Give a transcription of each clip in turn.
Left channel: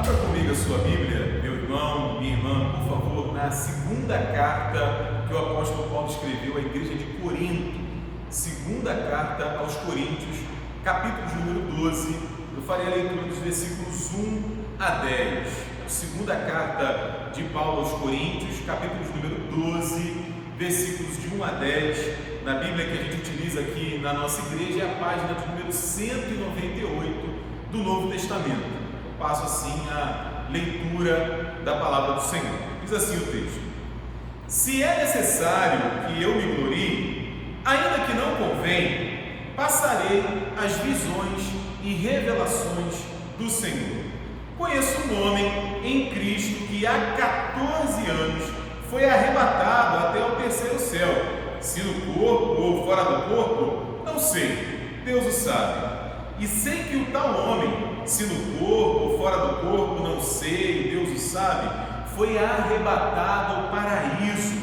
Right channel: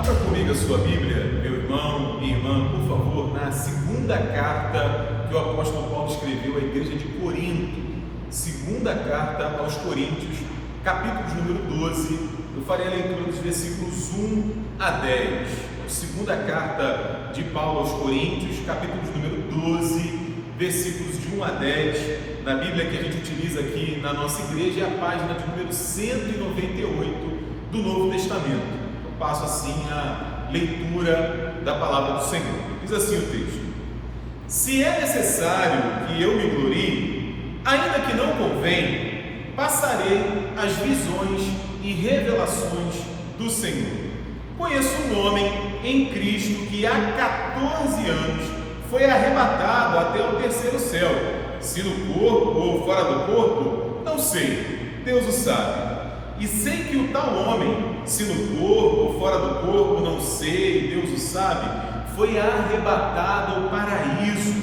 Abra comigo a sua Bíblia, meu irmão, minha irmã, por favor, na segunda carta que o apóstolo Paulo escreveu à igreja de Corinto. Segunda carta aos Coríntios, capítulo número 12. Eu farei a leitura dos versículos 1 a 10. Segunda carta de Paulo aos Coríntios, capítulo número 12, versículos de 1 a 10. Na Bíblia que a gente utiliza aqui na nossa igreja é a página de número 198 do Novo Testamento. Eu passo assim a leitura da palavra do Senhor. Diz assim o texto: se é necessário que eu me glorie, ainda que não convém, passarei as visões e revelações do Senhor. Conheço um homem em Cristo que há 14 anos foi arrebatado até o terceiro céu. Se no corpo ou fora do corpo, não sei, Deus o sabe. E sei que o tal homem, se no corpo ou fora do corpo, não sei, Deus o sabe, foi arrebatado ao paraíso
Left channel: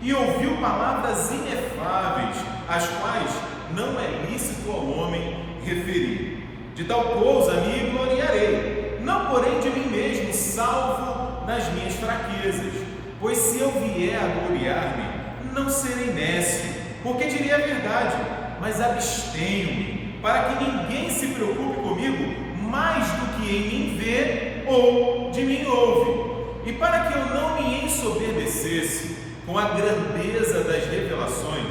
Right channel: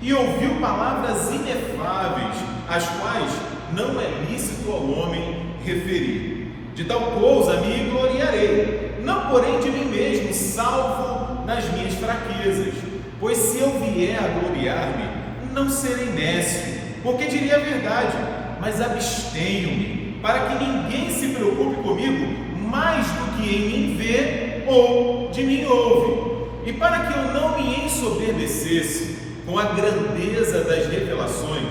e ouviu palavras inefáveis, as quais não é lícito ao homem referir. De tal coisa me gloriarei, não porém de mim mesmo, salvo nas minhas fraquezas. Pois se eu vier a gloriar-me, não serei nécio, porque direi a verdade, mas abstenho-me, para que ninguém se preocupe comigo mais do que em mim vê ou de mim ouve, e para que eu não me ensoberbecesse com a grandeza das revelações,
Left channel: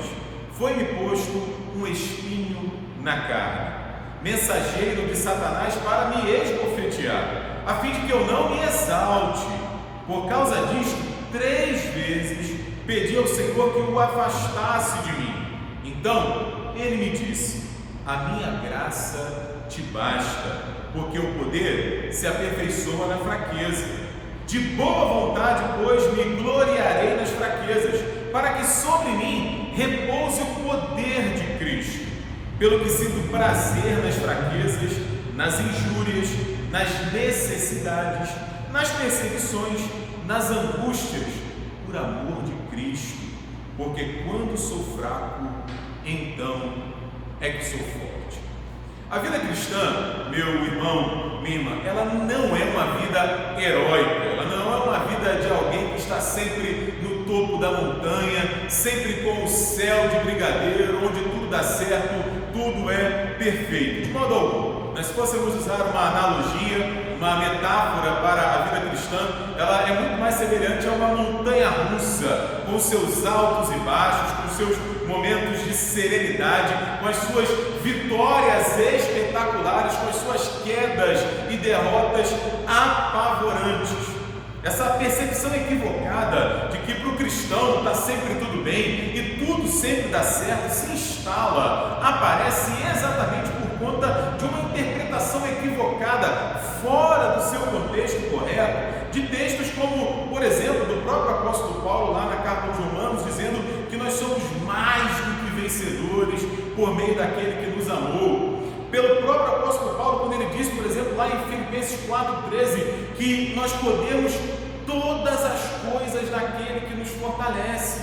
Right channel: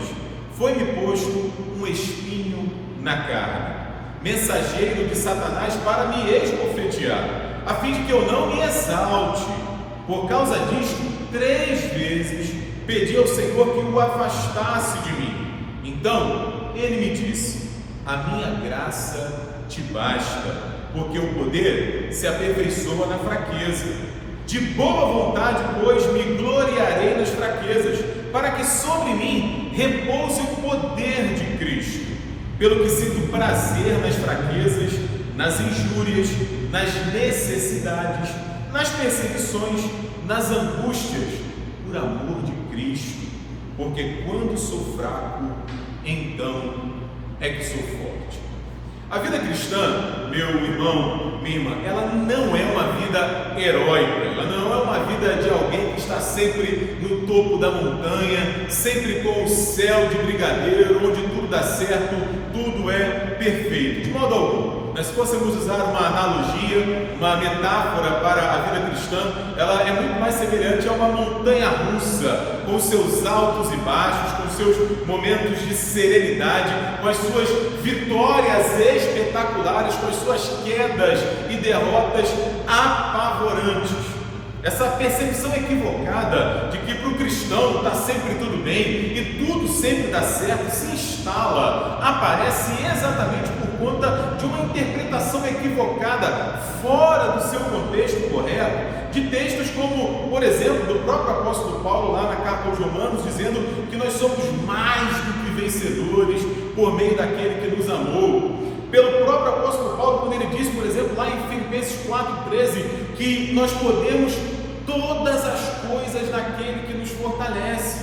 foi-me posto um espinho na carne, mensageiro de Satanás para me esbofetear, a fim de que eu não me exalte. Por causa disto, 3 vezes pedi ao Senhor que o afastasse de mim. Então ele me disse: a minha graça te basta, porque o poder se aperfeiçoa na fraqueza. De boa vontade, pois, me gloriarei nas fraquezas, para que sobre mim repouse o poder de Cristo. Pelo que sinto prazer nas fraquezas, nas injúrias, nas necessidades, nas perseguições, nas angústias, por amor de Cristo, porque quando sou fraco, então é que sou forte. A vida cristã, meu irmão, minha irmã, ela não é uma vida heróica, ela não é uma vida de alguém que está sempre no topo da montanha, sempre com o céu de brigadeiro, onde tudo dá certo, tudo é perfeito, de modo algum. Mas se fôssemos usar uma analogia, uma metáfora para a vida cristã, ela é muito mais semelhante a uma montanha russa, com seus altos e baixos, com seus momentos de serenidade, com as suas vitórias espetaculares, com as suas quedas e derrotas apavorantes. Essa percepção equivocada de que para o cristão está sempre tudo bem e tudo sempre dá certo se instala, aparece exatamente por conta de uma interpretação equivocada, fora do seu contexto correto, de textos como, por exemplo, do próprio apóstolo Paulo lá na carta aos Romanos, dizendo que nós somos mais do que vencedores por meio daquele que nos amou. Pelo próprio apóstolo Paulo, quando ele diz, por exemplo, lá em Filipenses 4,13, que nós podemos todas as coisas naquele que nos fortalece.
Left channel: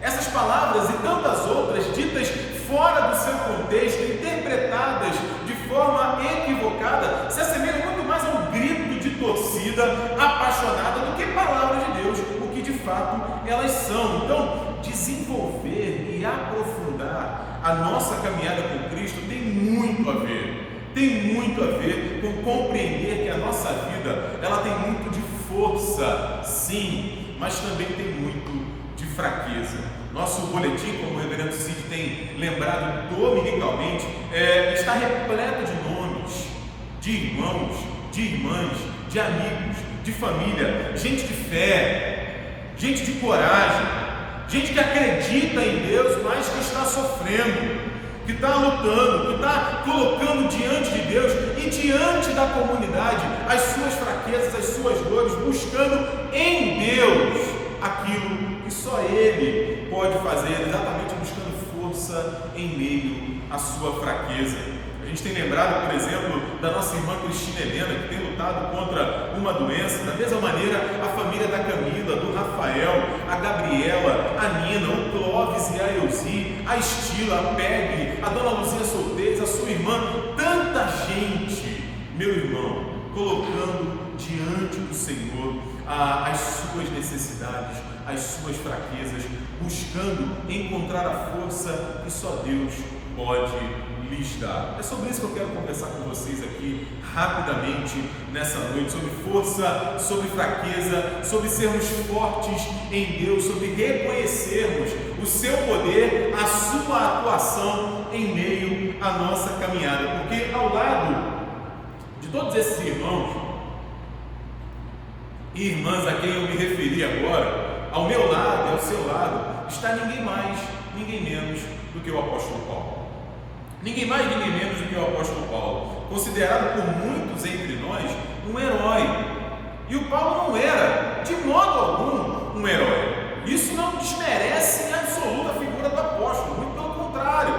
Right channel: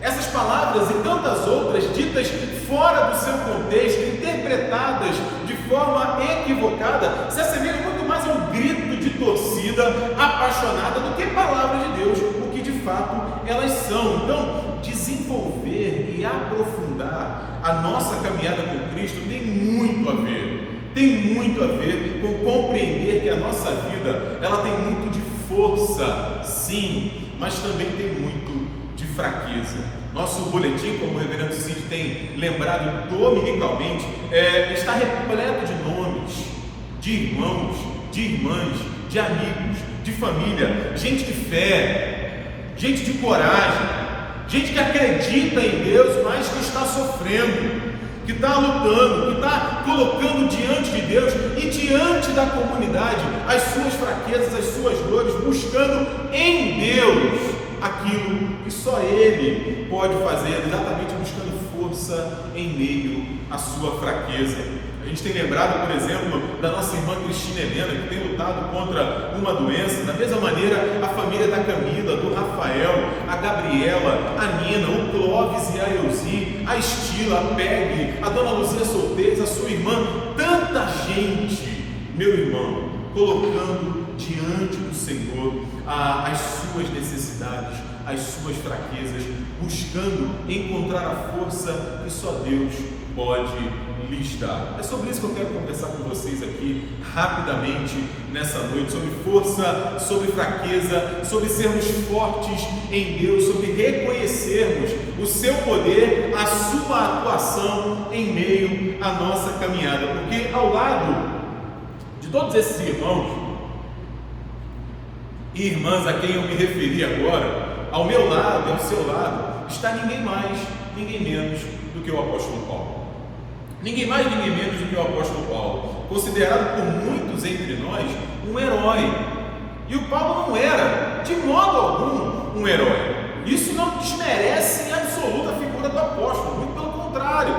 Essas palavras e tantas outras, ditas fora do seu contexto, interpretadas de forma equivocada, se assemelham muito mais a um grito de torcida apaixonada do que palavras de Deus, o que de fato elas são. Então, desenvolver e aprofundar a nossa caminhada com Cristo tem muito a ver com compreender que a nossa vida, ela tem muito de força, sim, mas também tem muito de fraqueza. Nosso boletim, como o reverendo Cid tem lembrado dominicalmente, está repleto de nomes, de irmãos, de irmãs, de amigos, de família, gente de fé, gente de coragem, gente que acredita em Deus, mas que está sofrendo, que está lutando, que está colocando diante de Deus e diante da comunidade as suas fraquezas, as suas dores, buscando em Deus aquilo que só Ele pode fazer, exatamente buscando força em meio à sua fraqueza. A gente tem lembrado, por exemplo, da nossa irmã Cristina Helena, que tem lutado contra uma doença. Da mesma maneira, a família da Camila, do Rafael, a Gabriela, a Nina, o Clóvis e a Elzi, a Estila, a Peg, a Dona Luzia Solteiros, a sua irmã, tanta gente, meu irmão, colocando diante do Senhor as suas necessidades, as suas fraquezas, buscando encontrar a força que só Deus pode lhes dar. É sobre isso que eu quero conversar com vocês aqui rapidamente nessa noite, sobre força, sobre fraqueza, sobre sermos fortes em Deus, sobre reconhecermos o seu poder, a sua atuação em meio à nossa caminhada, porque ao lado de todos esses irmãos e irmãs a quem eu me referi agora, ao meu lado e ao seu lado, está ninguém mais, ninguém menos do que o apóstolo Paulo. Ninguém mais, ninguém menos do que o apóstolo Paulo, considerado por muitos entre nós um herói. E o Paulo não era, de modo algum, um herói. Isso não desmerece em absoluta a figura do apóstolo, muito pelo contrário.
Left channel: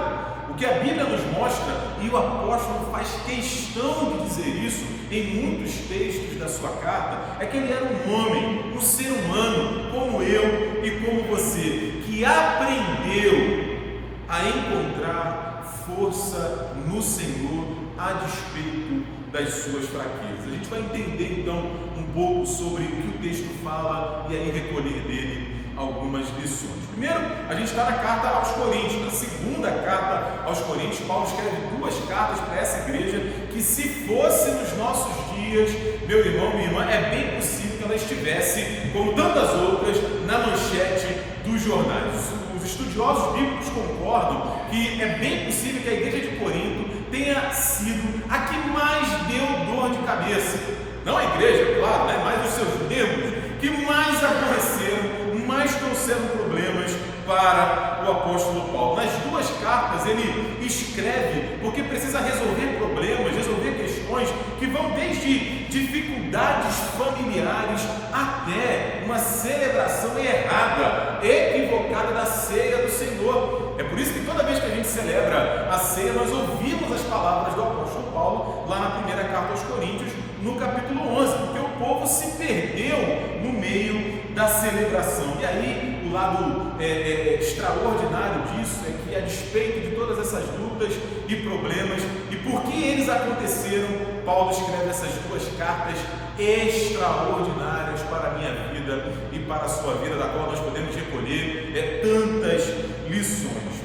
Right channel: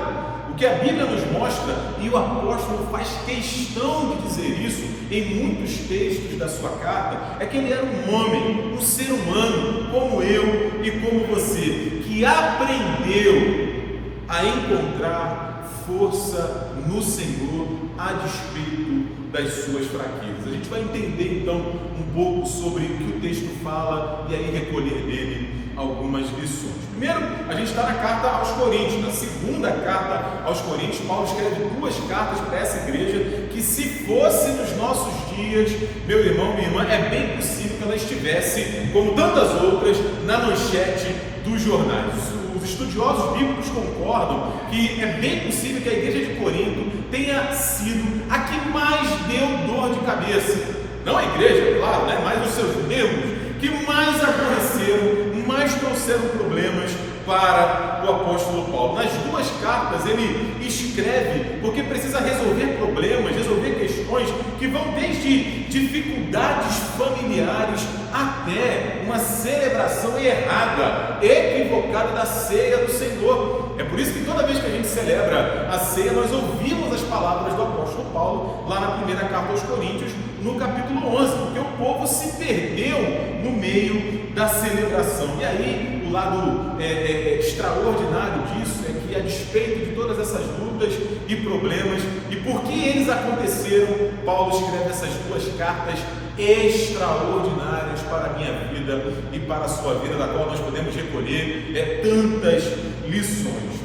O que a Bíblia nos mostra, e o apóstolo faz questão de dizer isso em muitos textos da sua carta, é que ele era um homem, um ser humano, como eu e como você, que aprendeu a encontrar força no Senhor a despeito das suas fraquezas. A gente vai entender então um pouco sobre o que o texto fala e aí recolher dele algumas lições. Primeiro, a gente está na carta aos Coríntios, na segunda carta aos Coríntios. Paulo escreve duas cartas para essa igreja que, se fosse nos nossos dias, meu irmão, minha irmã, é bem possível que ela estivesse, como tantas outras, na manchete dos jornais. Os estudiosos bíblicos concordam que é bem possível que a igreja de Corinto tenha sido a que mais deu dor de cabeça. Não a igreja, claro, mas os seus membros, que mais aborreceram, mais trouxeram problemas para o apóstolo Paulo. Nas duas cartas ele escreve porque precisa resolver problemas, resolver questões que vão desde dificuldades familiares até uma celebração errada, equivocada da ceia do Senhor. É por isso que toda vez que a gente celebra a ceia, nós ouvimos as palavras do apóstolo Paulo lá na primeira carta aos Coríntios, no capítulo 11, porque o povo se perdeu no meio da celebração. E aí o lado extraordinário disso é que, a despeito de todas essas lutas e problemas e por que eles aconteceram, Paulo escreve essas duas cartas extraordinárias para a minha vida e para a sua vida, da qual nós podemos recolher tantas lições.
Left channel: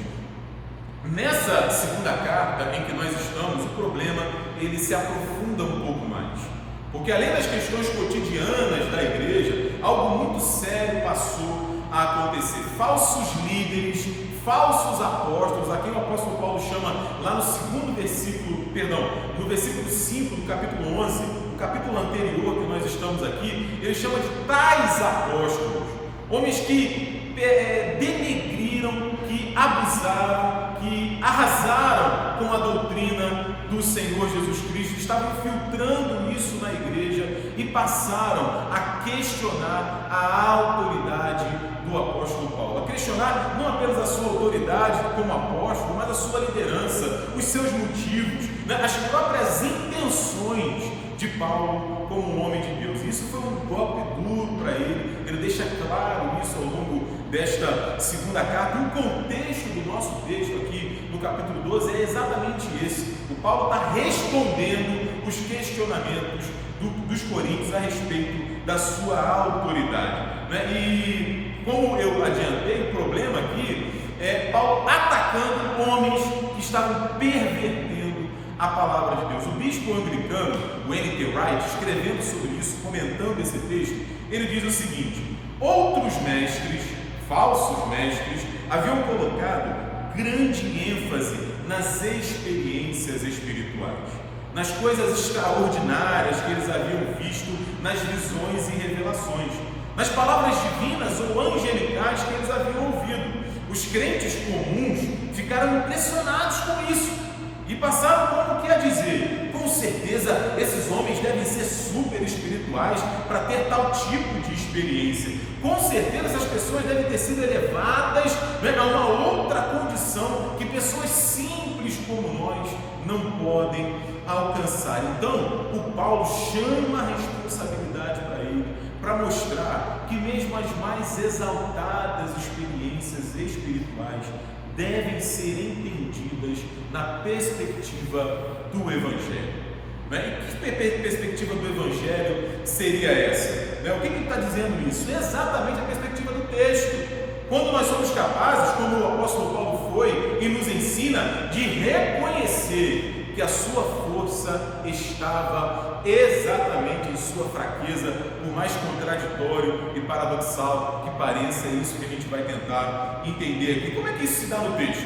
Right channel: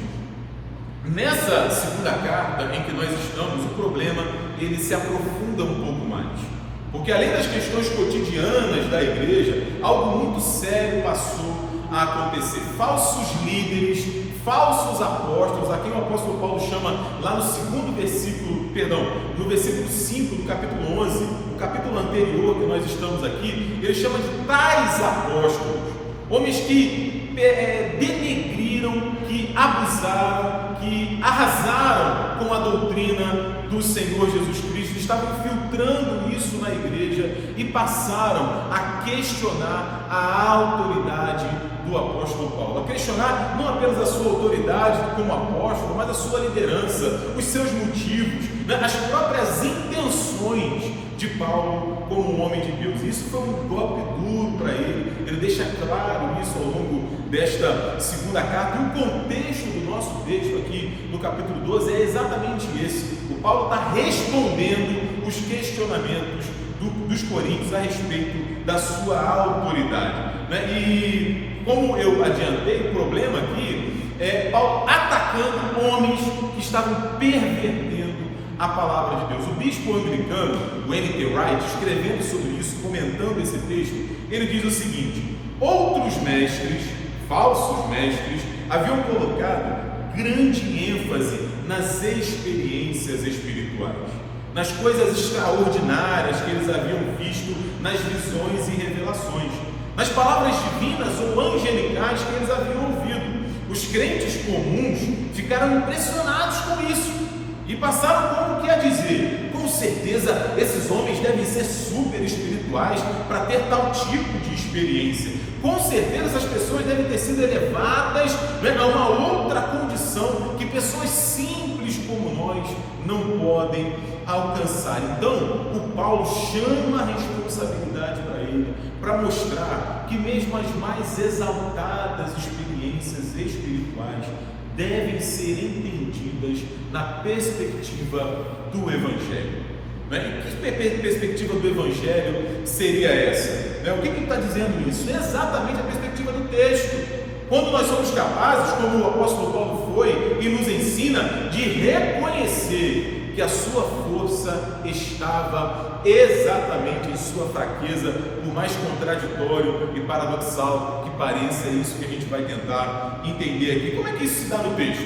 Nessa segunda carta em que nós estamos, o problema ele se aprofunda um pouco mais, porque além das questões cotidianas da igreja, algo muito sério passou a acontecer. Falsos líderes, falsos apóstolos, a quem o apóstolo Paulo chama lá no segundo versículo, no versículo 5 do capítulo 11, o capítulo anterior que nós estamos aqui, ele chama de tais apóstolos, homens que denegriram, que abusaram, que arrasaram com a doutrina do Senhor Jesus Cristo, estavam infiltrando isso na igreja e passaram a questionar a autoridade do apóstolo Paulo, a questionar não apenas a sua autoridade como apóstolo, mas a sua liderança, os seus motivos, as próprias intenções de Paulo como um homem de Deus. Isso foi um golpe duro para ele. Ele deixa claro isso ao longo desta segunda carta, e o contexto do nosso texto aqui no capítulo 12 é exatamente esse. O Paulo está respondendo os questionamentos dos coríntios a respeito da sua autoridade, E como eu adiantei, o problema aqui é Paulo atacando homens que estavam pervertendo a palavra de Deus. O bispo anglicano, o N.T. Wright, escrevendo sobre isso, comentando esse texto, ele diz o seguinte: outros mestres, falsos mestres, haviam colocado grande ênfase nas experiências espirituais, nas coisas extraordinárias que eles haviam visto nas visões e revelações, nas palavras divinas ou angelicais que eles haviam ouvido. Os crentes comuns ficaram impressionados com isso e passaram como que a dizer: com certeza esses homens devem ser super espirituais para ter tal tipo de experiência. Com certeza essas pessoas devem ter sido elevadas a uma outra condição que pessoas simples como nós não podem alcançar. Então o Paulo chama a responsabilidade para ele, para mostrar que mesmo as mais exaltadas experiências espirituais devem ser entendidas na perspectiva do Evangelho. Né? E que perspectiva do Evangelho seria essa? Né? O que ele está dizendo isso? É exatamente a perspectiva do texto. Quando nós somos capazes, como o apóstolo Paulo foi e nos ensina, de reconhecer que a sua força estava exatamente em sua fraqueza, por mais contraditório e paradoxal que pareça, é isso que a gente vai tentar entender aqui. Como é que isso se dá no texto?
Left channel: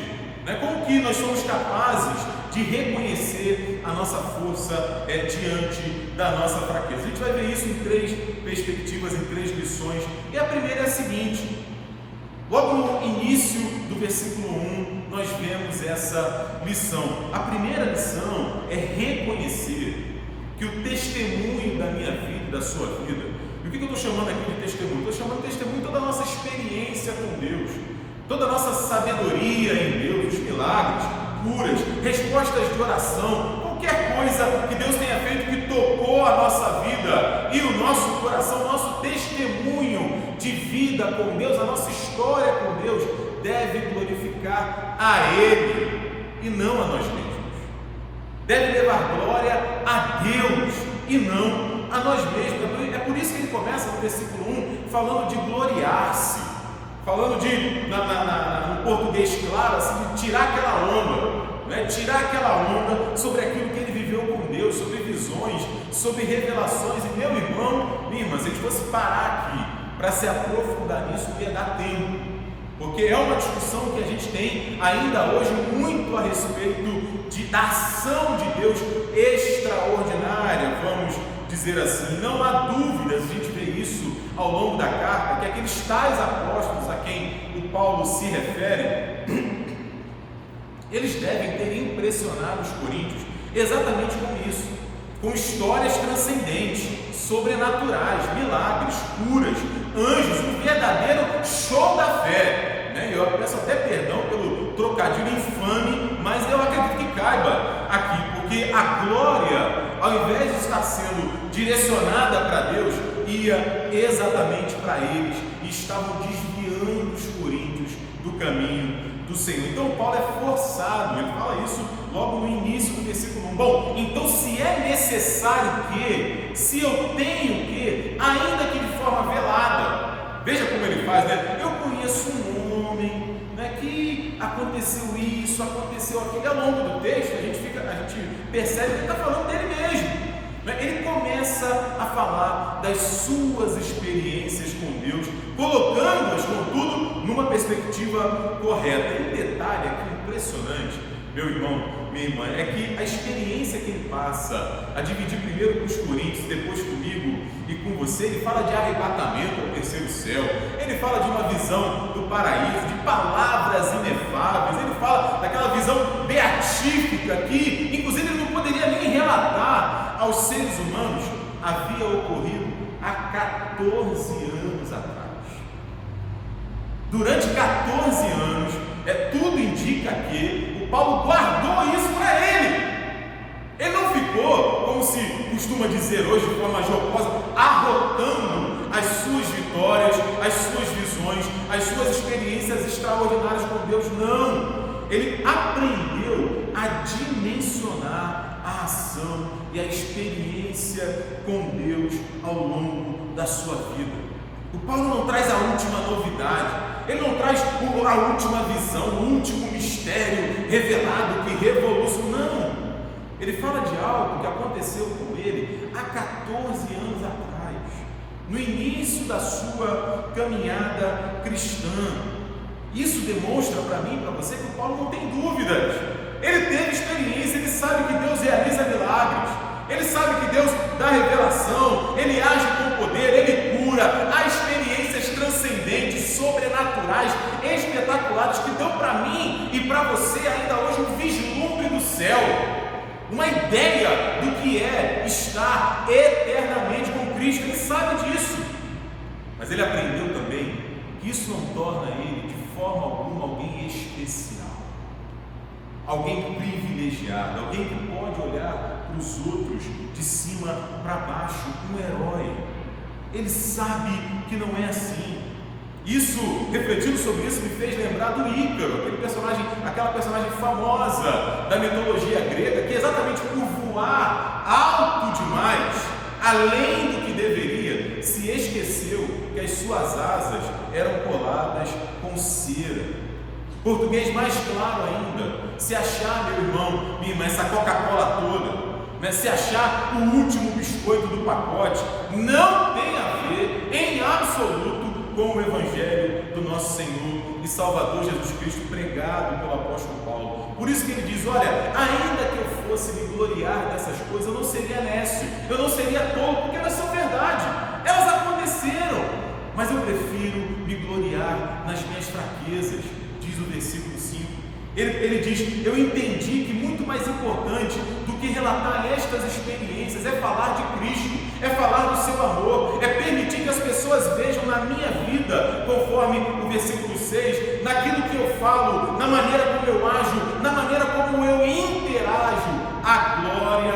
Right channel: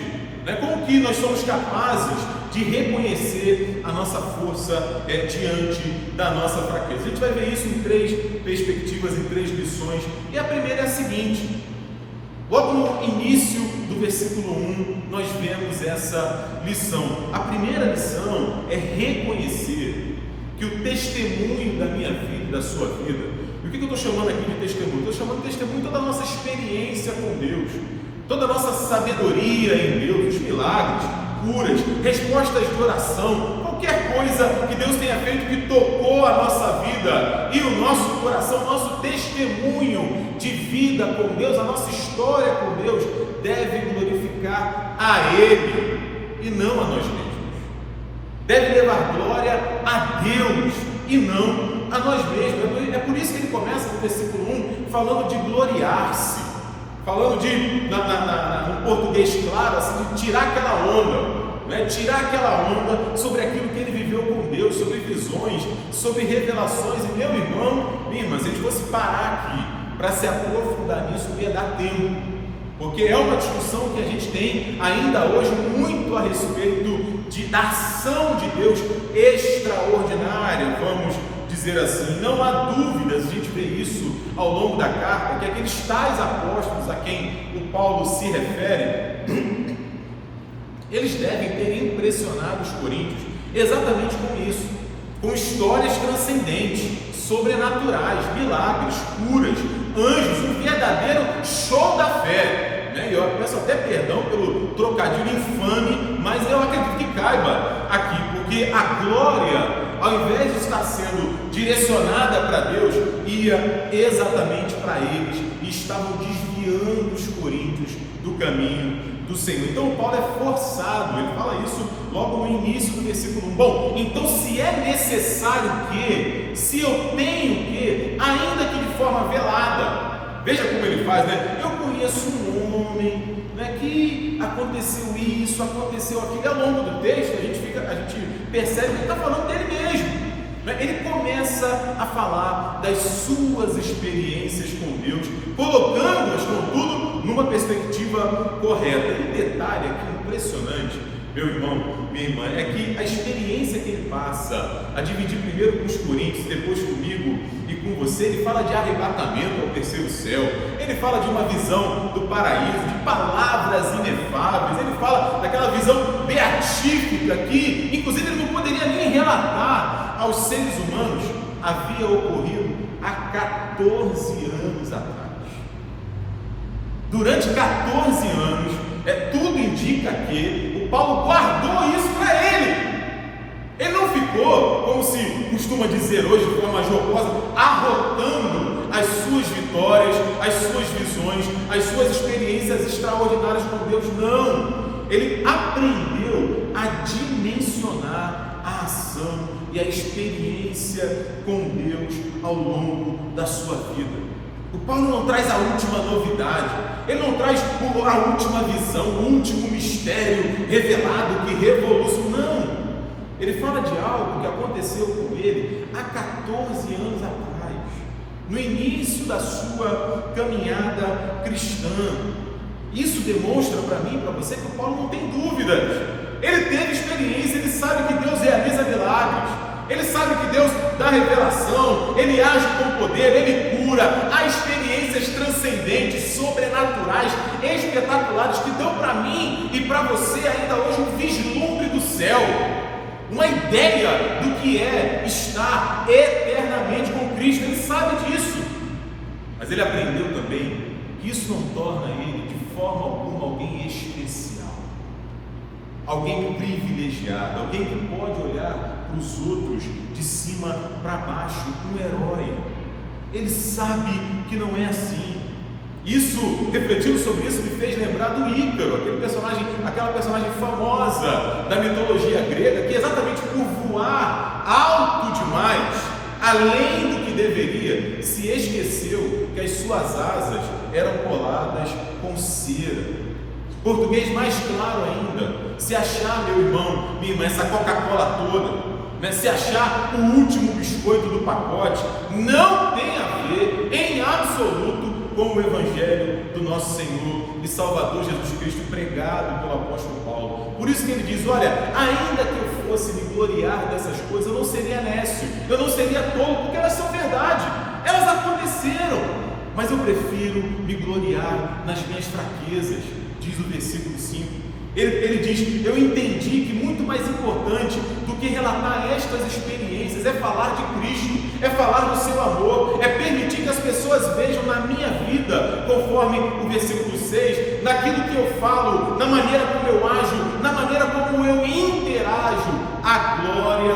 Como que nós somos capazes de reconhecer a nossa força diante da nossa fraqueza? A gente vai ver isso em 3 perspectivas, em 3 lições, e a primeira é a seguinte: logo no início do versículo 1, nós vemos essa lição. A primeira lição é reconhecer que o testemunho da minha vida e da sua vida, e o que eu estou chamando aqui de testemunho? Estou chamando de testemunho toda a nossa experiência com Deus, toda a nossa sabedoria em Deus, os milagres, curas, respostas de oração, qualquer coisa que Deus tenha feito que tocou a nossa vida e o nosso coração, nosso testemunho de vida com Deus, a nossa história com Deus, deve glorificar a Ele e não a nós mesmos. Deve levar glória a Deus e não a nós mesmos. É por isso que ele começa no versículo 1 falando de gloriar-se, falando de, no português claro, assim, de tirar aquela onda, tirar aquela onda sobre aquilo que ele viveu com Deus, sobre visões, sobre revelações. E meu irmão, minha irmã, se a gente fosse parar aqui para se aprofundar nisso, não ia dar tempo, porque é uma discussão que a gente tem ainda hoje muito a respeito da ação de Deus extraordinária, vamos dizer assim. Não há dúvidas, a gente vê isso ao longo da carta, que aqueles tais apóstolos a quem o Paulo se refere, eles devem ter impressionado os coríntios exatamente com isso, com histórias transcendentes, sobrenaturais, milagres, curas, anjos, um verdadeiro show da fé. E eu peço até perdão pelo trocadilho infame, mas eu acredito que caiba aqui, porque a glória, ao invés de estar sendo direcionada para Deus, ia exatamente para eles, e estavam desviando os coríntios do caminho do Senhor. Então Paulo é forçado, ele fala isso logo no início do versículo 1. Bom, então se é necessário que, se eu tenho que, ainda que de forma velada, veja como ele faz, eu conheço um homem, que aconteceu isso, aconteceu aquilo, e ao longo do texto a gente percebe que ele está falando dele mesmo. Ele começa a falar das suas experiências com Deus, colocando-as, contudo, numa perspectiva correta. E um detalhe aqui impressionante, meu irmão, minha irmã, é que a experiência que ele passa a dividir primeiro com os coríntios, depois comigo e com você, ele fala de arrebatamento ao terceiro céu, ele fala de uma visão do paraíso, de palavras inefáveis, ele fala daquela visão beatífica que, inclusive, ele não poderia nem relatar aos seres humanos, havia ocorrido há 14 anos atrás. Durante 14 anos, tudo indica que o Paulo guardou isso para ele. Ele não ficou, como se costuma dizer hoje de forma jocosa, arrotando as suas vitórias, as suas visões, as suas experiências extraordinárias com Deus. Não, ele aprendeu a dimensionar a ação e a experiência com Deus ao longo da sua vida. O Paulo não traz a última novidade, ele não traz a última visão, o último mistério revelado que revolucionou, não. Ele fala de algo que aconteceu com ele há 14 anos atrás, no início da sua caminhada cristã. Isso demonstra para mim e para você que o Paulo não tem dúvidas. Ele teve experiência, ele sabe que Deus realiza milagres, ele sabe que Deus dá revelação, ele age com poder, ele cura. Há experiências transcendentes, sobrenaturais, espetaculares, que dão para mim e para você ainda hoje um vislumbre do céu, uma ideia do que é estar eternamente com Cristo. Ele sabe disso, mas ele aprendeu também que isso não torna ele de forma alguma alguém especial, alguém privilegiado, alguém que pode olhar para os outros de cima para baixo, um herói. Ele sabe que não é assim. Isso, refletindo sobre isso, me fez lembrar do Ícaro, aquela personagem famosa da mitologia grega, que exatamente por voar alto demais, além do que deveria, se esqueceu que as suas asas eram coladas com cera. Português mais claro ainda: se achar, meu irmão, minha irmã, essa Coca-Cola toda, se achar o último biscoito do pacote, não tem a ver em absoluto com o Evangelho do nosso Senhor e Salvador Jesus Cristo pregado pelo apóstolo Paulo. Por isso que ele diz: olha, ainda que eu fosse me gloriar dessas coisas, eu não seria nécio, eu não seria tolo, porque elas são verdade, elas aconteceram, mas eu prefiro me gloriar nas minhas fraquezas, diz o versículo 5. Ele diz: eu entendi que muito mais importante do que relatar estas experiências é falar de Cristo, é falar do seu amor, é permitir que as pessoas vejam na minha vida, conforme o versículo 6, naquilo que eu falo, na maneira como eu ajo, na maneira como eu interajo, a glória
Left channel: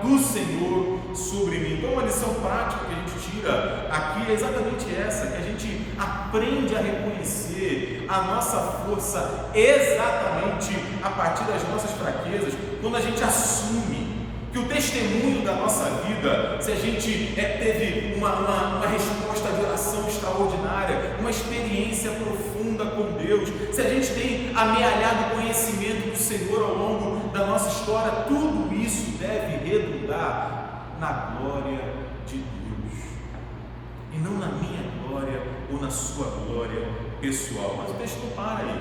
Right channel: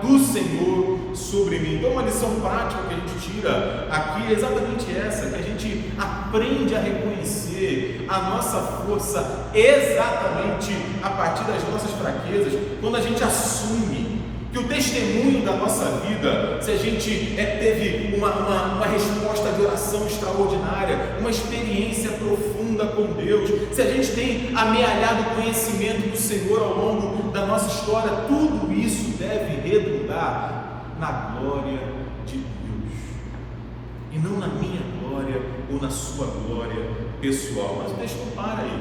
do Senhor sobre mim. Então, uma lição prática que a gente tira aqui é exatamente essa: que a gente aprende a reconhecer a nossa força exatamente a partir das nossas fraquezas, quando a gente assume que o testemunho da nossa vida, se a gente teve uma resposta de oração extraordinária, uma experiência profunda com Deus, se a gente tem amealhado conhecimento do Senhor ao longo da nossa história, tudo isso deve redundar na glória de Deus, e não na minha glória ou na sua glória pessoal. Mas o texto não para aí.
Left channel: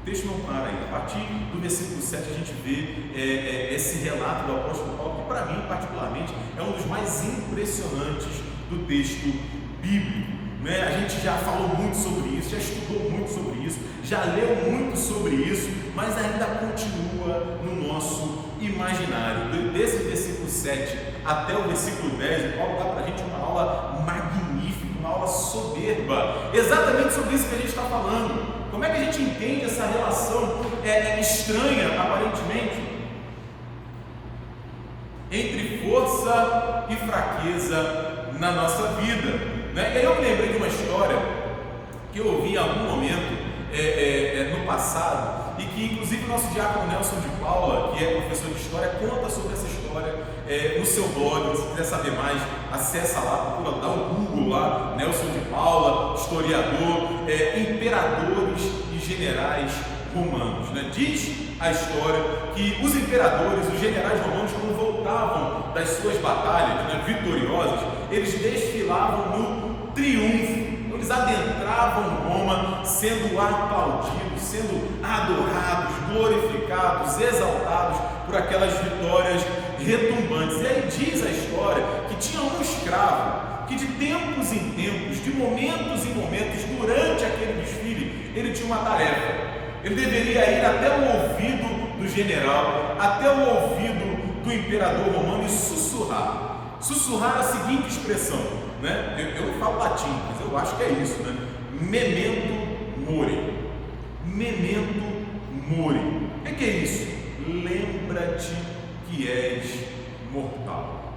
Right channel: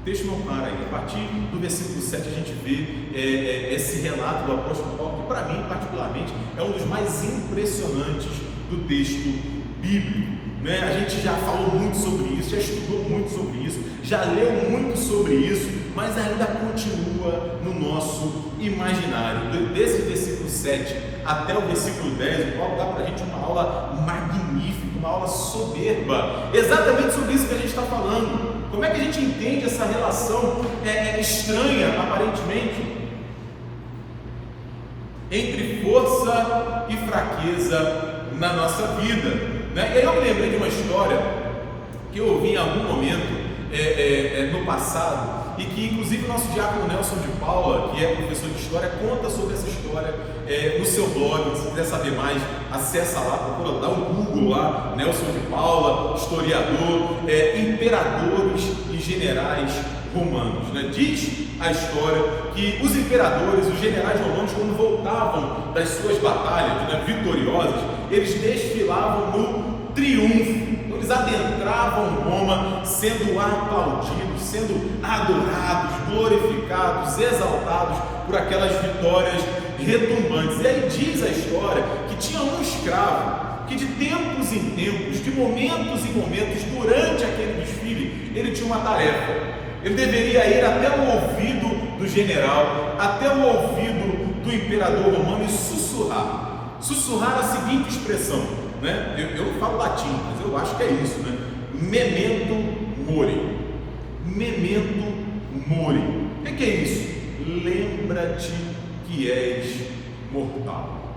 O texto não para aí. A partir do versículo 7 a gente vê esse relato do apóstolo Paulo, que para mim particularmente é um dos mais impressionantes do texto bíblico. A gente já falou muito sobre isso, já estudou muito sobre isso, já leu muito sobre isso, mas ainda continua no nosso imaginário. Desse versículo 7 até o versículo 10, o Paulo dá para a gente uma aula magnífica, uma aula soberba, exatamente sobre isso que a gente está falando. Como é que a gente entende essa relação estranha, aparentemente, entre força e fraqueza na nossa vida? E aí eu me lembrei de uma história que eu ouvi em algum momento no passado, e que inclusive o nosso diácono Nelson de Paula, que é professor de história, conta sobre essa história no seu blog. Se quiser saber mais, acessa lá, procura, dá um Google lá, Nelson de Paula, historiador, imperadores e generais romanos. Diz a história que os imperadores, os generais romanos, quando voltavam das suas batalhas vitoriosas, eles desfilavam no triunfo. Eles adentravam Roma sendo aplaudidos, sendo adorados, glorificados, exaltados por aquelas vitórias retumbantes. E aí diz a história que tinha um escravo que de tempos em tempos, de momentos em momentos, durante aquele desfile, ele tinha uma tarefa. Ele deveria ir até o ouvido do general, até o ouvido do imperador romano e sussurrar a seguinte expressão, eu não falo latim, mas eu acho que é isso, memento mori. Memento mori. O que é isso? Lembra-te que és mortal.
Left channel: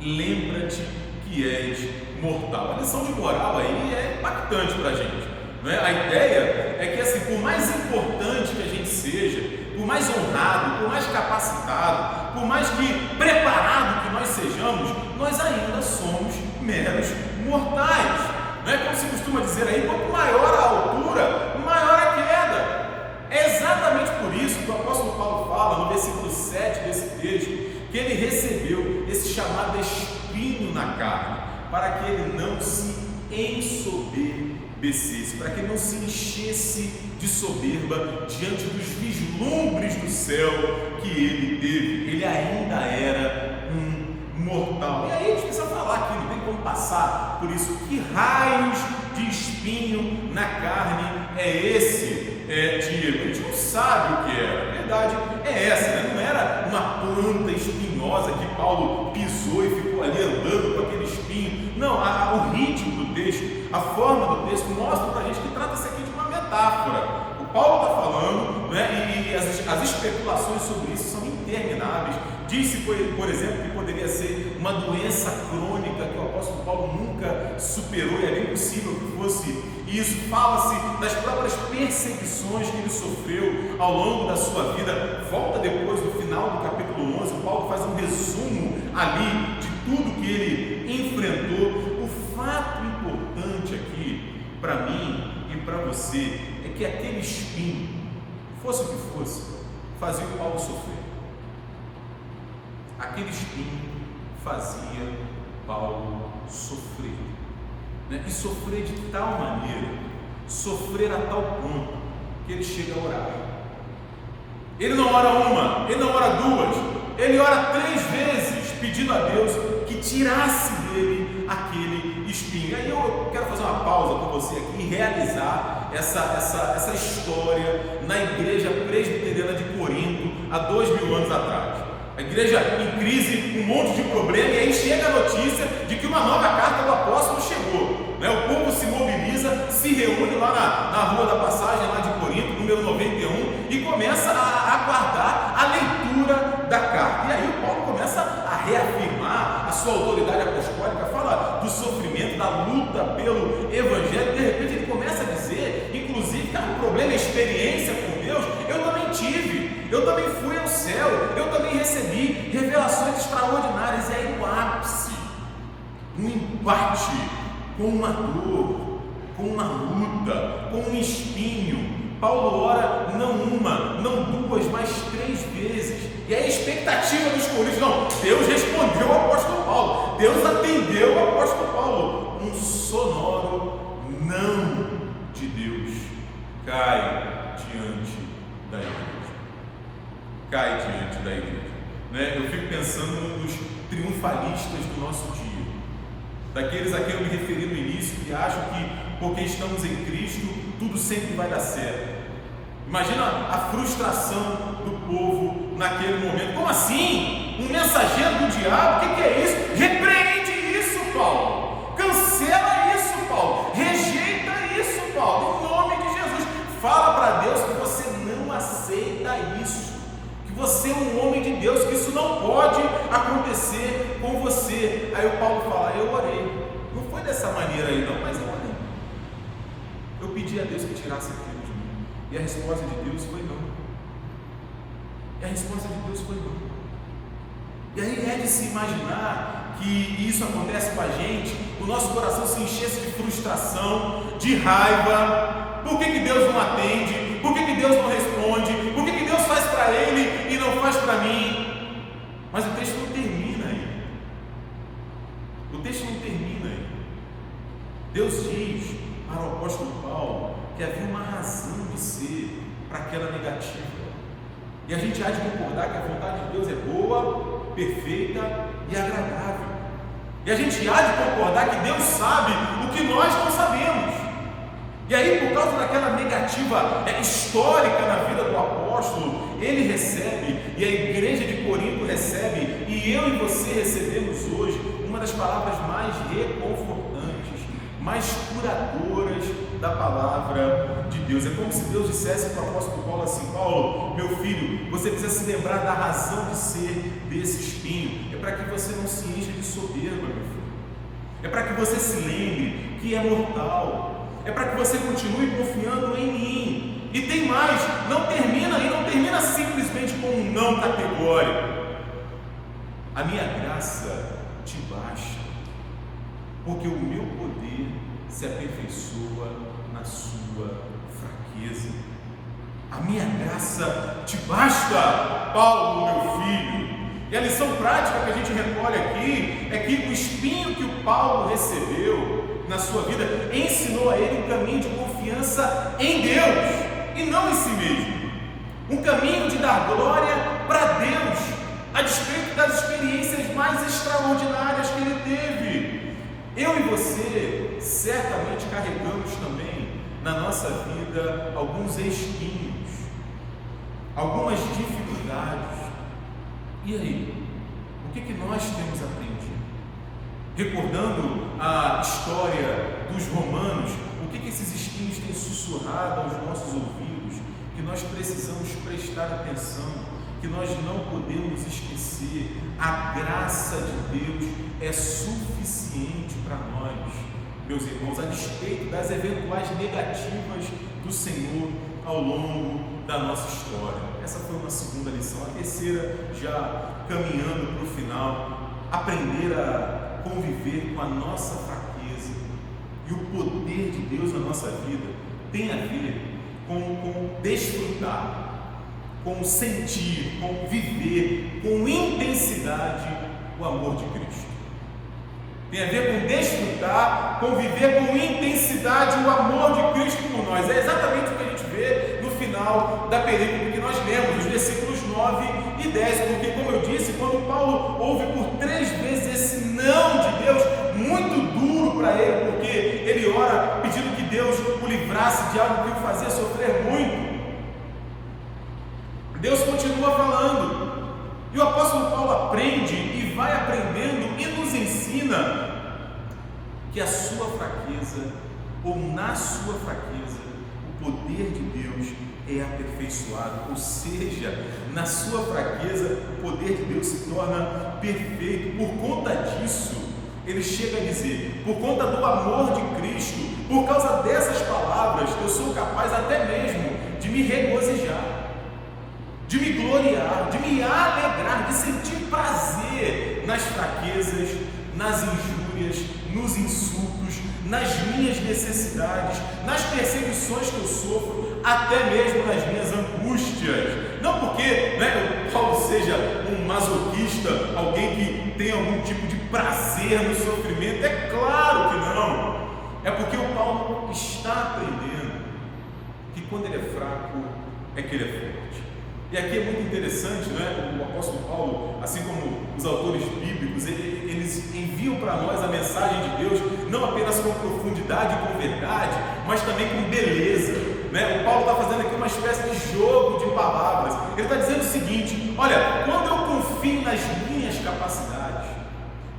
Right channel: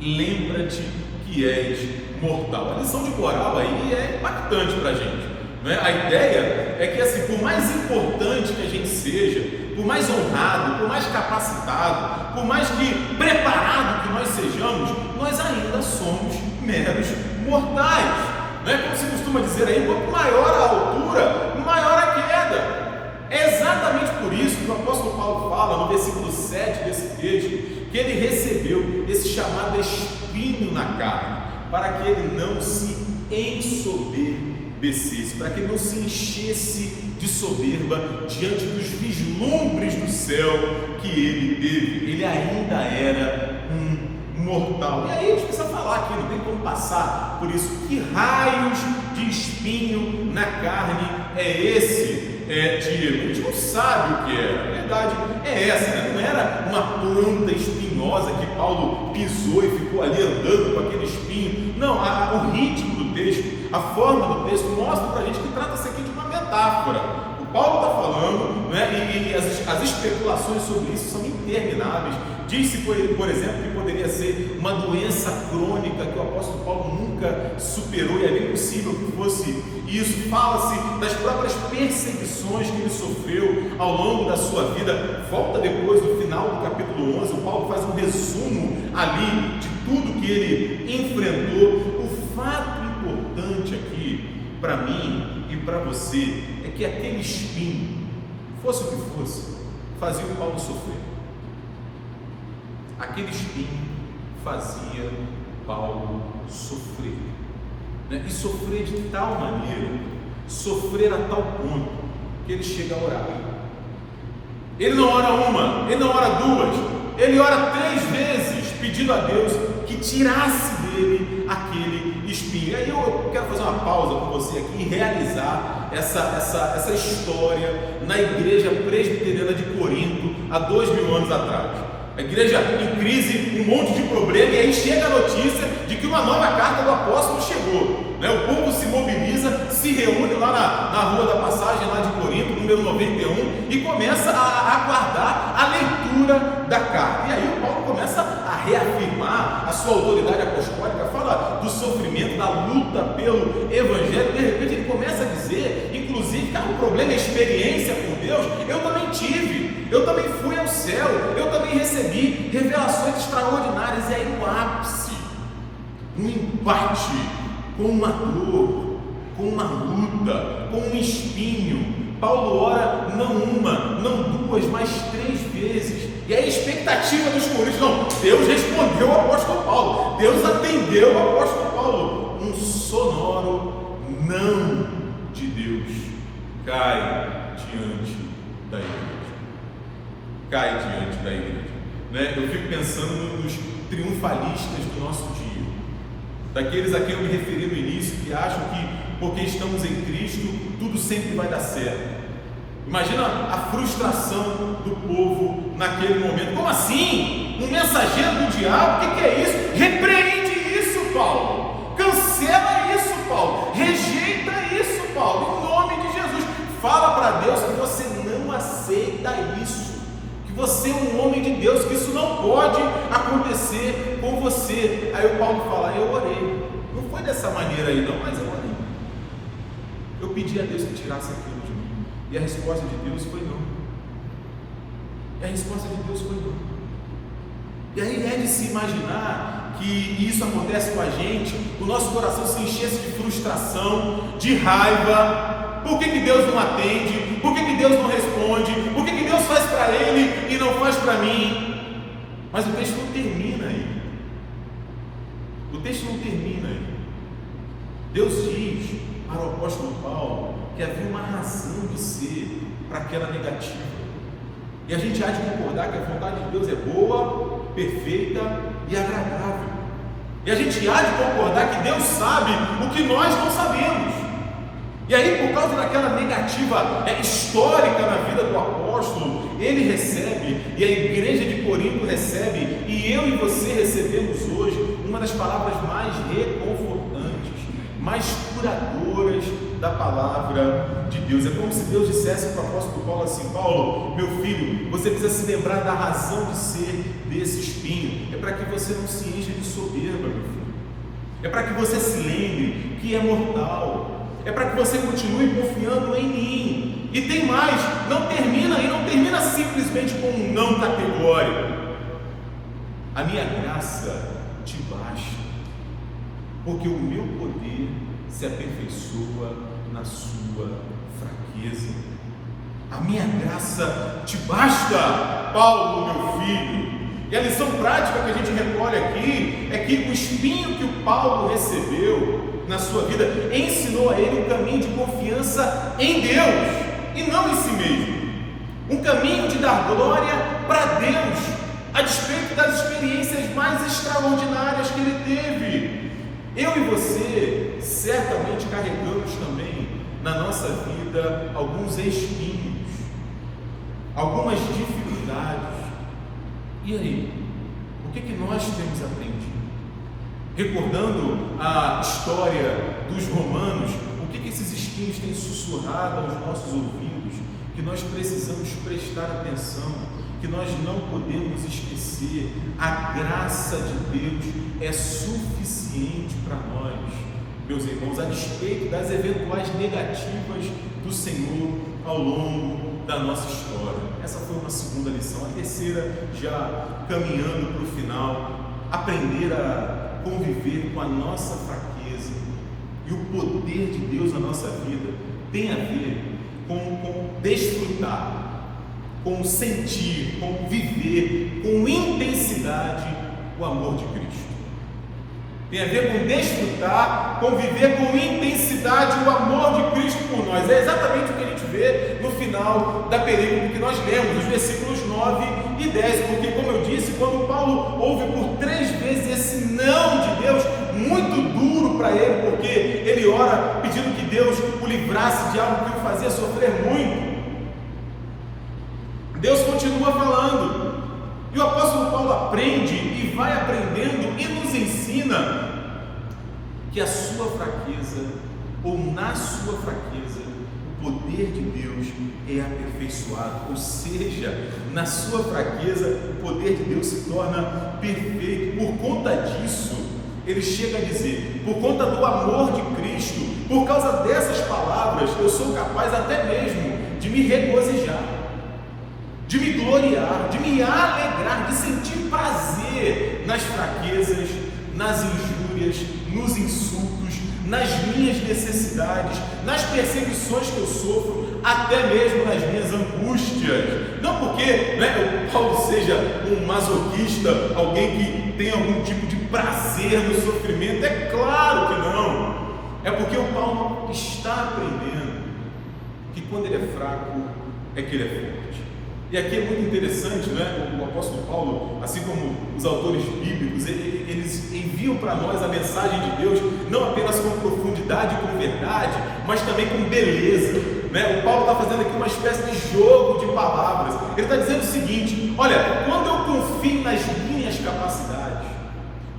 Lembra-te que és mortal. A lição de moral aí é impactante para a gente. A ideia é que, assim, por mais importante que a gente seja, por mais honrado, por mais capacitado, por mais que preparado que nós sejamos, nós ainda somos meros mortais. Como se costuma dizer aí, quanto maior a altura, maior a queda. É exatamente por isso que o apóstolo Paulo fala no versículo 7 desse texto, que ele recebeu esse chamado espinho na carne, para que ele não se ensoberbecesse, para que ele não se enchesse de soberba diante dos vislumbres do céu que ele teve. Ele ainda era um mortal. E aí a gente precisa falar aqui, não tem como passar por isso. Que raios de espinho na carne é esse, Diego? A gente não sabe o que era. A verdade é essa, não era uma planta espinhosa que Paulo pisou e ficou ali andando com aquele espinho. Não, o ritmo do texto, a forma do texto mostra para a gente que trata-se aqui de uma metáfora. O Paulo está falando, e as especulações sobre isso são intermináveis. Diz-se, por exemplo, que poderia ser uma doença crônica que o apóstolo Paulo nunca superou, e é bem possível que fosse isso. Fala-se das próprias perseguições que ele sofreu ao longo da sua vida. Volta depois, no final do capítulo 11, o Paulo faz um resumo ali de tudo que ele enfrentou. O fato importante aqui, para mim e para você, é que aquele espinho, fosse o que fosse, fazia o Paulo sofrer. Aquele espinho fazia Paulo sofrer, né? E sofrer de tal maneira, sofrer a tal ponto, que ele chega a orar. Ele não ora uma, ele não ora duas, ele ora 3 vezes, pedindo a Deus que tirasse dele aquele espinho. E aí eu quero fazer uma pausa com você aqui e realizar essa história na igreja presbiteriana de Corinto, há 2000 anos atrás. A igreja em crise, um monte de problema, e aí chega a notícia de que uma nova carta do apóstolo chegou, né? O povo se mobiliza, se reúne lá na Rua da Passagem, lá de Corinto, número 91, e começa a aguardar a leitura da carta. E aí o Paulo começa a reafirmar a sua autoridade apostólica, fala do sofrimento, da luta pelo evangelho. De repente ele começa a dizer, inclusive, que o problema é experiência com Deus. Eu também tive, eu também fui ao céu, eu também recebi revelações extraordinárias. E aí o ápice, um embate com uma dor, com uma luta, com um espinho. Paulo ora não uma, não duas, mas 3 vezes. E a expectativa dos coríntios, não, Deus respondeu ao apóstolo Paulo, Deus atendeu ao apóstolo Paulo. Um sonoro não de Deus cai diante da igreja. Cai diante da igreja, né? Eu fico pensando nos triunfalistas do nosso dia, daqueles a quem eu me referi no início, que acham que porque estamos em Cristo tudo sempre vai dar certo. Imagina a frustração do povo naquele momento. Como assim? Um mensageiro do diabo? O que é isso? Repreende isso, Paulo. Cancela isso, Paulo. Rejeita isso, Paulo. Em nome de Jesus. Fala para Deus que você não aceita isso, que você é um homem de Deus, que isso não pode acontecer com você. Aí o Paulo fala, eu orei. Não foi dessa maneira aí não, mas eu orei. Eu pedi a Deus que tirasse aquilo de mim. E a resposta de Deus foi não. E a resposta de Deus foi não. E aí é de se imaginar que isso acontece com a gente, o nosso coração se enchesse de frustração, de raiva. Por que Deus não atende? Por que Deus não responde? Por que Deus faz para ele e não faz para mim? Mas o texto não termina aí. O texto não termina aí. Deus diz para o apóstolo Paulo que havia uma razão de ser para aquela negativa. E a gente há de concordar que a vontade de Deus é boa, perfeita e agradável. E a gente há de concordar que Deus sabe o que nós não sabemos. E aí, por causa daquela negativa histórica na vida do apóstolo, ele recebe, e a igreja de Corinto recebe, e eu e você recebemos hoje uma das palavras mais reconfortantes, mais curadoras da palavra de Deus. É como se Deus dissesse para o apóstolo Paulo assim: Paulo, meu filho, você precisa se lembrar da razão de ser desse espinho. É para que você não se encha de soberba, meu filho. É para que você se lembre que é mortal. É para que você continue confiando em mim. E tem mais, não termina simplesmente com um não categórico. A minha graça te basta, porque o meu poder se aperfeiçoa na sua fraqueza. A minha graça te basta, Paulo, meu filho. E a lição prática que a gente recolhe aqui é que o espinho que o Paulo recebeu na sua vida ensinou a ele um caminho de confiança em Deus e não em si mesmo, um caminho de dar glória para Deus a despeito das experiências mais extraordinárias que ele teve. Eu e você certamente carregamos também na nossa vida alguns espinhos, algumas dificuldades. E aí, o que nós temos aprendido? Recordando a história dos romanos, o que esses espinhos têm sussurrado aos nossos ouvidos, que nós precisamos prestar atenção, porque nós não podemos esquecer, a graça de Deus é suficiente para nós, meus irmãos, a despeito das eventuais negativas do Senhor ao longo da nossa história. Essa foi uma segunda lição. A terceira, já caminhando para o final, aprender a conviver com a nossa fraqueza. E o poder de Deus na nossa vida tem a ver com desfrutar, com sentir, com viver com intensidade o amor de Cristo. Tem a ver com desfrutar, com viver com intensidade o amor de Cristo por nós. É exatamente o que a gente vê no final da perícope que nós lemos, os versículos 9 e 10, porque, como eu disse, quando Paulo ouve por 3 vezes esse não de Deus, muito duro para ele, porque ele ora pedindo que Deus o livrasse de algo que o fazia sofrer muito, Deus continua falando. E o apóstolo Paulo aprende e vai aprendendo e nos ensina que a sua fraqueza, ou na sua fraqueza, o poder de Deus é aperfeiçoado. Ou seja, na sua fraqueza, o poder de Deus se torna perfeito. Por conta disso, ele chega a dizer, por conta do amor de Cristo, por causa dessas palavras, eu sou capaz até mesmo de me regozijar, de me gloriar, de me alegrar, de sentir prazer nas fraquezas, nas injúrias, nos insultos, nas minhas necessidades, nas perseguições que eu sofro, até mesmo nas minhas angústias. Não porque o Paulo seja um masoquista, alguém que tem algum tipo de prazer no sofrimento, é claro que não. É porque o Paulo está aprendendo que quando ele é fraco, é que ele é forte. E aqui é muito interessante, o apóstolo Paulo, assim como os autores bíblicos, eles enviam para nós a mensagem de Deus, não apenas com profundidade e com verdade, mas também com beleza. O Paulo está fazendo aqui uma espécie de jogo de palavras. Ele está dizendo o seguinte: olha, quando eu confio nas minhas capacidades,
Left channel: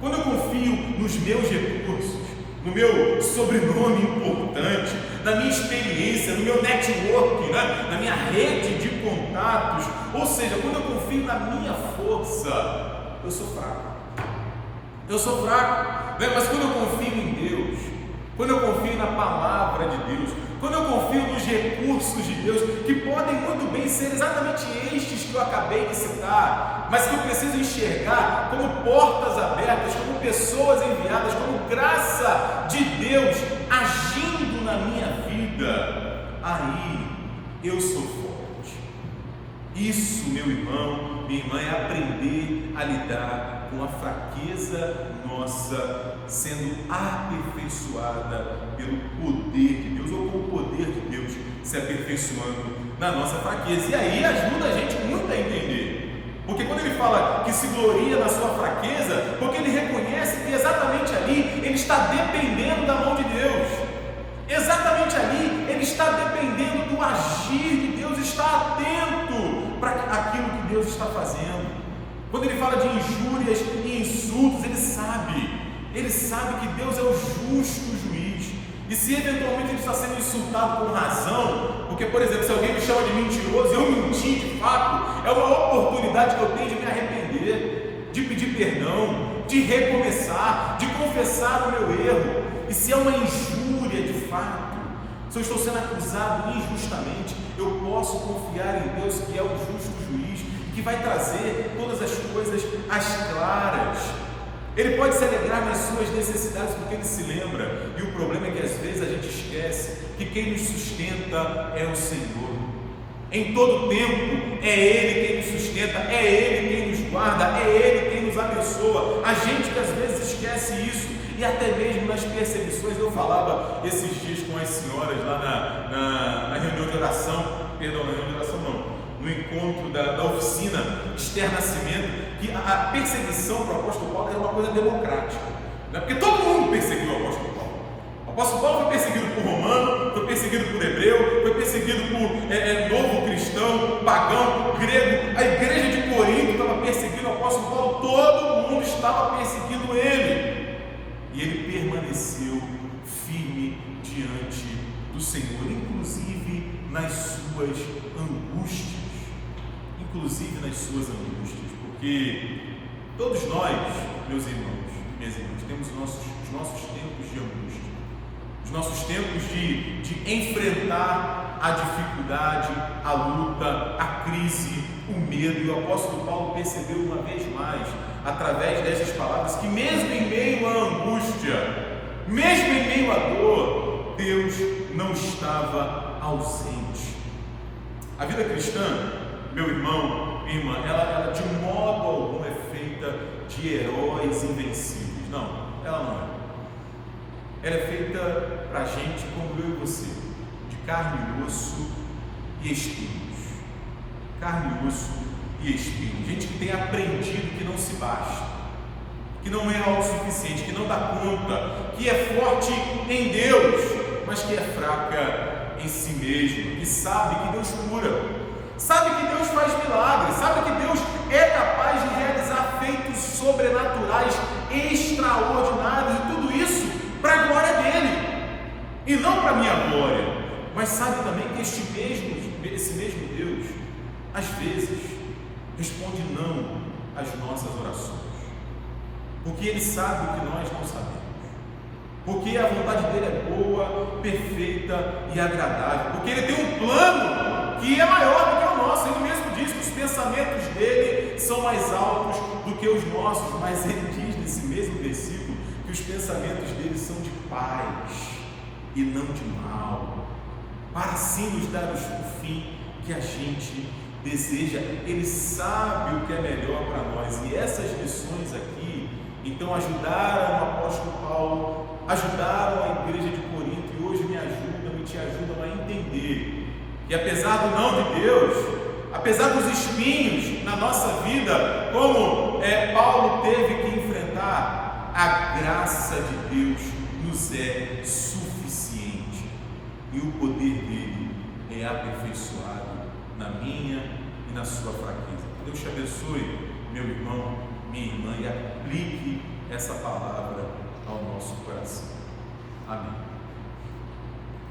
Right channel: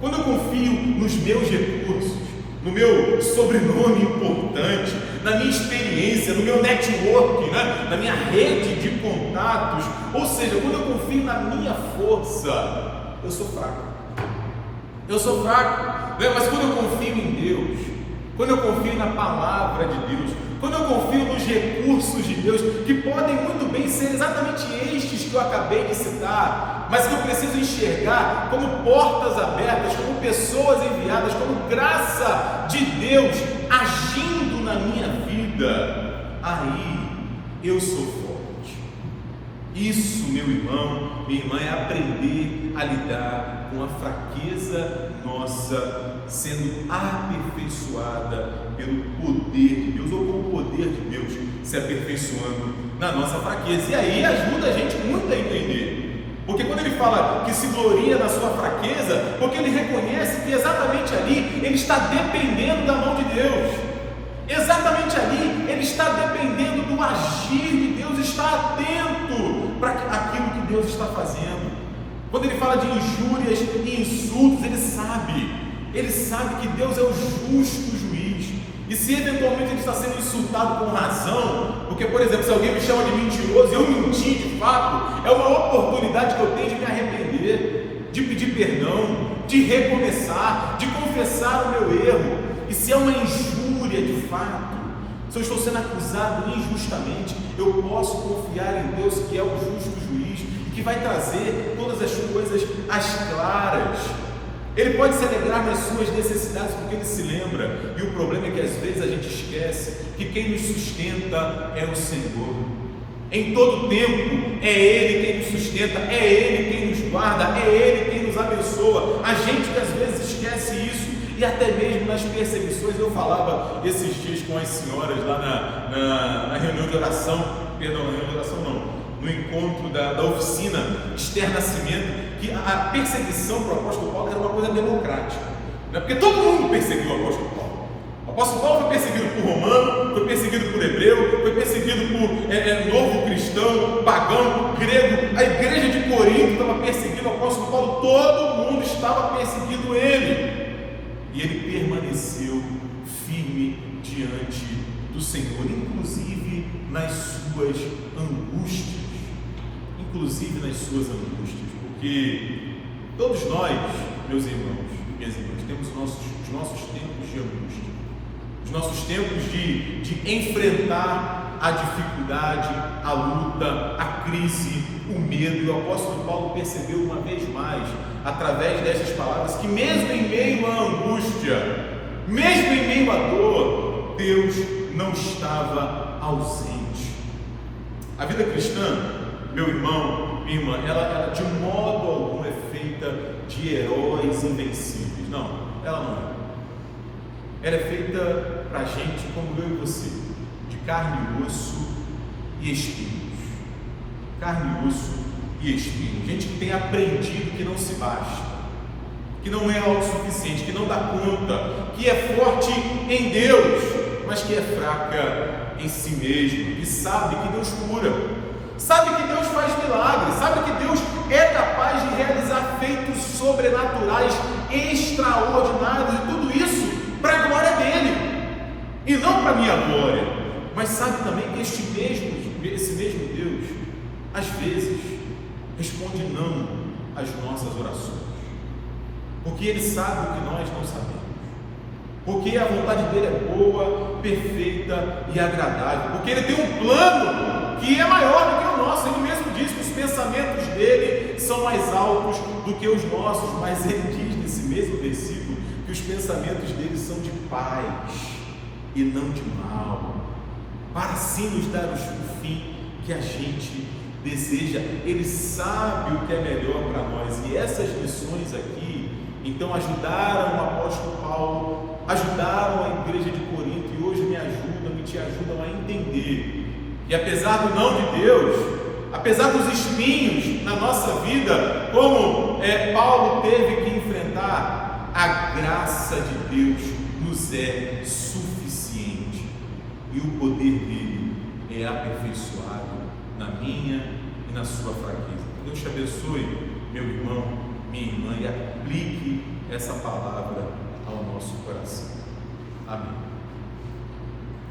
quando eu confio nos meus recursos, no meu sobrenome importante, na minha experiência, no meu network, na minha rede de contatos, ou seja, quando eu confio na minha força, eu sou fraco. Eu sou fraco, mas quando eu confio em Deus, quando eu confio na palavra de Deus, quando eu confio nos recursos de Deus, que podem muito bem ser exatamente estes que eu acabei de citar, mas que eu preciso enxergar como portas abertas, como pessoas enviadas, como graça de Deus agindo na minha vida, aí eu sou forte. Isso, meu irmão, minha irmã, é aprender a lidar com a fraqueza nossa, sendo aperfeiçoada pelo poder de Deus, ou com o poder de Deus se aperfeiçoando na nossa fraqueza. E aí ajuda a gente muito a entender, porque quando ele fala que se gloria na sua fraqueza, porque ele reconhece que exatamente ali ele está dependendo da mão de Deus, exatamente ali ele está dependendo do agir de Deus, está atento para aquilo que Deus está fazendo. Quando ele fala de injúrias e insultos, ele sabe que Deus é o justo juiz. E se eventualmente ele está sendo insultado com razão, porque, por exemplo, se alguém me chama de mentiroso e eu mentir de fato, é uma oportunidade que eu tenho de me arrepender, de pedir perdão, de recomeçar, de confessar o meu erro. E se é uma injúria de fato, se eu estou sendo acusado injustamente, eu posso confiar em Deus, que é o justo juiz, que vai trazer todas as coisas às claras. Ele pode se alegrar nas suas necessidades, porque ele se lembra. E o problema é que às vezes a gente esquece que quem nos sustenta é o Senhor. Em todo tempo é Ele quem nos sustenta, é Ele quem nos guarda, é Ele quem nos abençoa. A gente que às vezes esquece isso, e até mesmo nas perseguições. Eu falava esses dias com as senhoras lá na reunião de oração, no encontro da oficina Esther Nascimento, que a perseguição para o apóstolo Paulo era uma coisa democrática, porque todo mundo perseguiu o apóstolo Paulo. O apóstolo Paulo foi perseguido por romano, foi perseguido por hebreu, foi perseguido por novo cristão, pagão, grego. A igreja de Corinto estava perseguindo o apóstolo Paulo, todo mundo estava perseguindo ele, e ele permaneceu firme diante do Senhor, inclusive nas suas angústias. inclusive nas suas angústias, porque todos nós, meus irmãos, minhas irmãs, temos os nossos tempos de angústia, os nossos tempos de enfrentar a dificuldade, a luta, a crise, o medo. E o apóstolo Paulo percebeu uma vez mais, através dessas palavras, que mesmo em meio à angústia, mesmo em meio à dor, Deus não estava ausente. A vida cristã, meu irmão, minha irmã, ela de modo algum é feita de heróis invencíveis. Não, ela não é. Ela é feita para gente como eu e você, de carne e osso e espinhos. Carne e osso e espinhos. Gente que tem aprendido que não se basta, que não é autossuficiente, que não dá conta, que é forte em Deus, mas que é fraca em si mesma, que sabe que Deus cura, sabe que Deus faz milagres, sabe que Deus é capaz de realizar feitos sobrenaturais, extraordinários, e tudo isso para a glória dele, e não para a minha glória. Mas sabe também que esse mesmo Deus, às vezes, responde não às nossas orações, porque Ele sabe o que nós não sabemos, porque a vontade dele é boa, perfeita e agradável, porque Ele tem um plano que é maior do que o nosso. Ele mesmo diz que os pensamentos dele são mais altos do que os nossos, mas Ele diz nesse mesmo versículo que os pensamentos dele são de paz e não de mal, para assim nos dar o fim que a gente deseja. Ele sabe o que é melhor para nós, e essas lições aqui então ajudaram o apóstolo Paulo, ajudaram a igreja de Corinto, e hoje me ajudam e te ajudam a entender que apesar do não de Deus, apesar dos espinhos na nossa vida, como Paulo teve que enfrentar, a graça de Deus nos é suficiente, e o poder dele é aperfeiçoado na minha e na sua fraqueza. Deus te abençoe, meu irmão, minha irmã, e aplique essa palavra ao nosso coração. Amém.